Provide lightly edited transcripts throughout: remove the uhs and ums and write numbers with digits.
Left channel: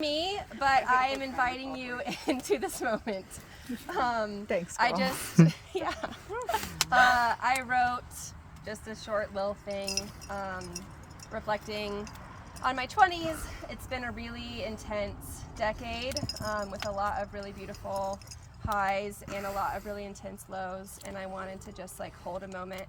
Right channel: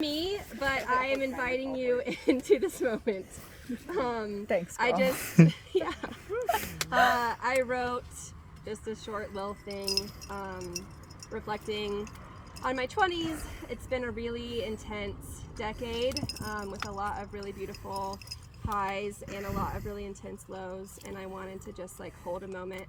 Me, but I am inviting you into this moment. Thanks, girl. I wrote just a short little thing reflecting on my 20s. It's been a really intense decade with a lot of really beautiful highs and a lot of really intense lows, and I wanted to just like hold a moment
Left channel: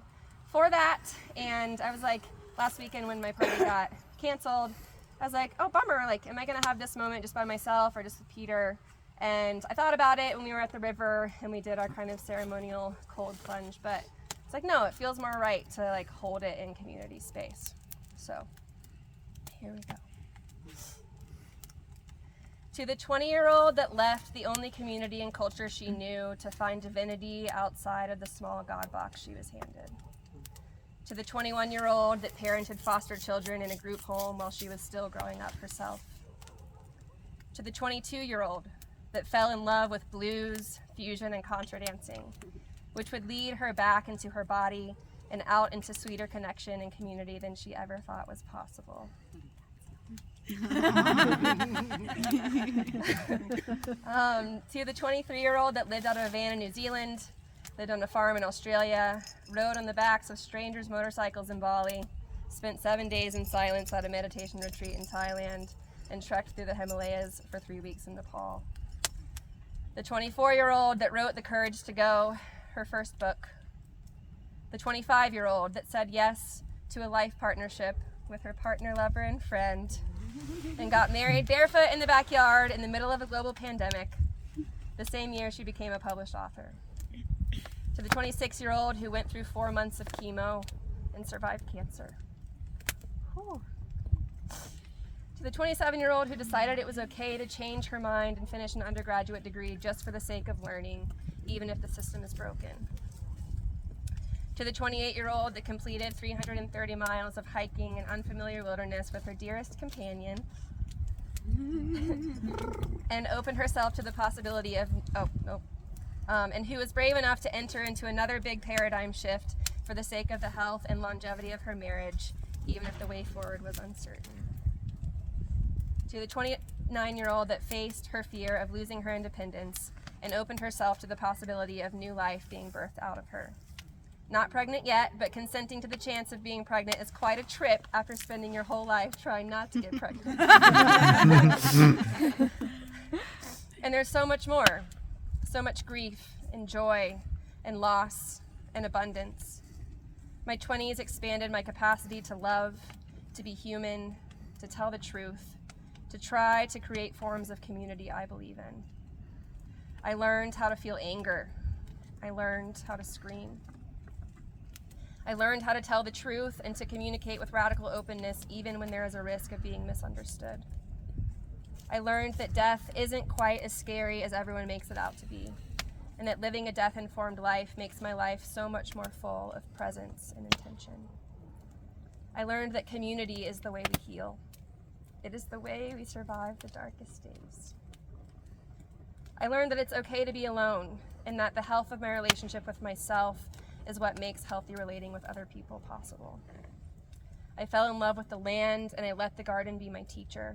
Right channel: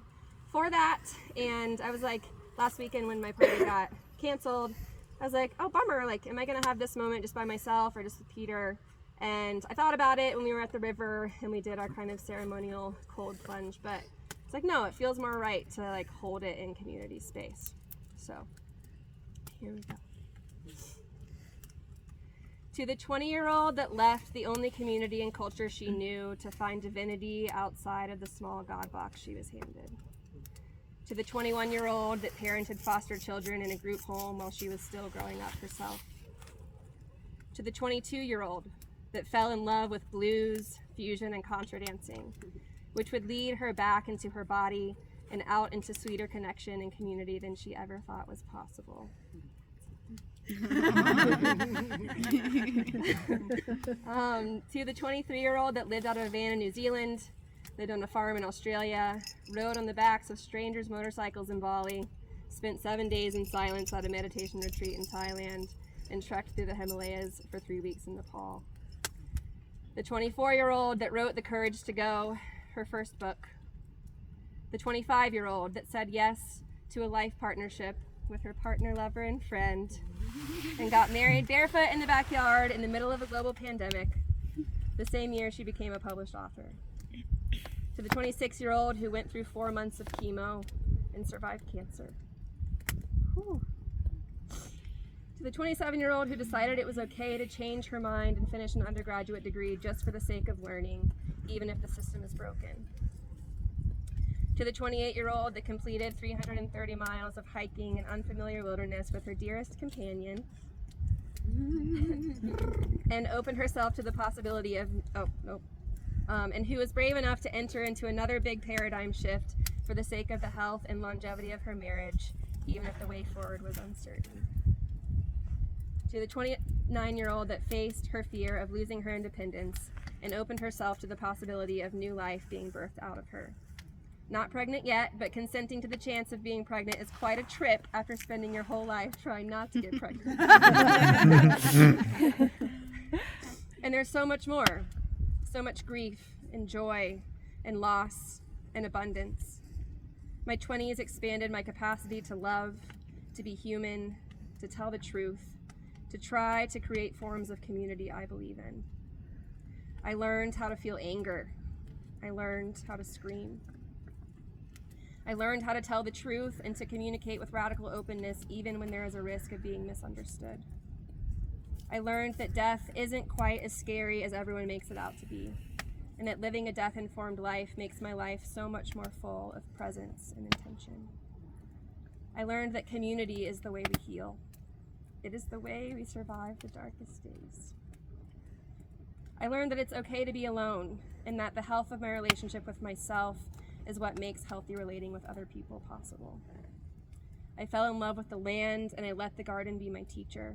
for that. And I was like, last weekend when my party got canceled, I was like, oh bummer, like am I gonna have this moment just by myself or just with Peter? And I thought about it when we were at the river and we did our kind of ceremonial cold plunge, but it's like, no, it feels more right to like hold it in community space. So here we go. To the 20-year-old that left the only community and culture she knew to find divinity outside of the small God box she was handed. To the 21-year-old that parented foster children in a group home while she was still growing up herself. To the 22-year-old that fell in love with blues, fusion, and contra dancing, which would lead her back into her body and out into sweeter connection and community than she ever thought was possible. To the 23-year-old that lived out of a van in New Zealand, lived on a farm in Australia, rode on the backs of strangers' motorcycles in Bali, spent 7 days in silence at a meditation retreat in Thailand, and trekked through the Himalayas for 3 weeks in Nepal. The 24-year-old that wrote The Courage to Go, her first book. The 25-year-old that said yes to a life partnership with her partner, lover, and friend, and got married barefoot in the backyard in the middle of a global pandemic, the same year she became a published author. To the 26-year-old who went through 4 months of chemo and survived cancer. Whew. To the 27-year-old who decided it was okay to change her mind and finish an undergraduate degree just for the sake of learning, even if the system is broken. To the 28-year-old that completed 330 miles of hiking in unfamiliar wilderness with her dearest companion and opened herself to the possibility of, and who was brave enough to enter into another big paradigm shift for the sake of the health and longevity of her marriage, even if the way forward was uncertain. To the 29-year-old that faced her fear of losing her independence and opened herself to the possibility of new life being birthed out of her. Not pregnant yet, but consenting to the chance of being pregnant is quite a trip after spending your whole life trying not to get pregnant. And there's so much more. So much grief and joy and loss and abundance. My 20s expanded my capacity to love, to be human, to tell the truth, to try to create forms of community I believe in. I learned how to feel anger. I learned how to scream. I learned how to tell the truth and to communicate with radical openness even when there is a risk of being misunderstood. I learned that death isn't quite as scary as everyone makes it out to be, and that living a death-informed life makes my life so much more full of presence and intention. I learned that community is the way we heal. It is the way we survive the darkest days. I learned that it's okay to be alone, and that the health of my relationship with myself is what makes healthy relating with other people possible. I fell in love with the land, and I let the garden be my teacher.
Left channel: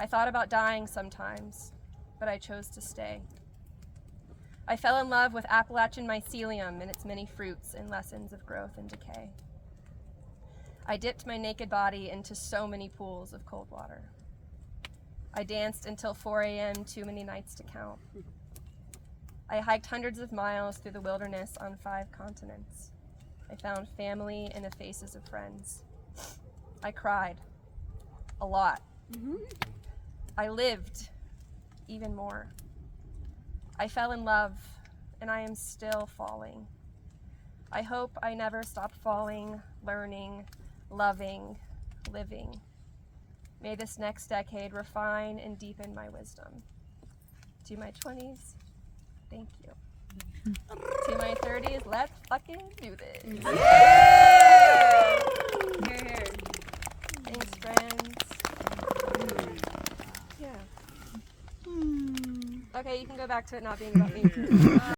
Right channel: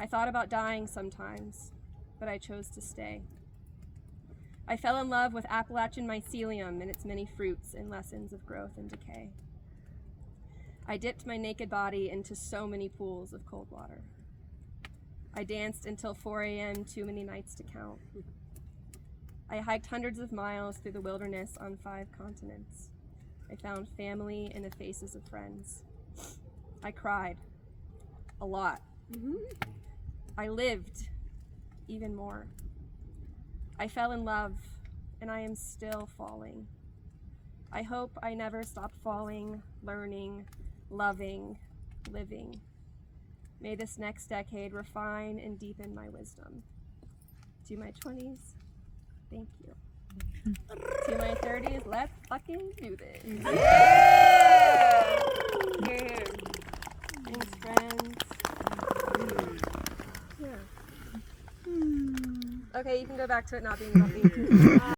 I thought about dying sometimes, but I chose to stay. I fell in love with Appalachian mycelium and its many fruits and lessons of growth and decay. I dipped my naked body into so many pools of cold water. I danced until 4 a.m., too many nights to count. I hiked hundreds of miles through the wilderness on 5 continents. I found family in the faces of friends. I cried. A lot. I lived even more. I fell in love, and I am still falling. I hope I never stop falling, learning, loving, living. May this next decade refine and deepen my wisdom. To my 20s, thank you. To my 30s, let's fucking do this. Thanks, friends. Yeah. Okay, you can go back to it not being about me.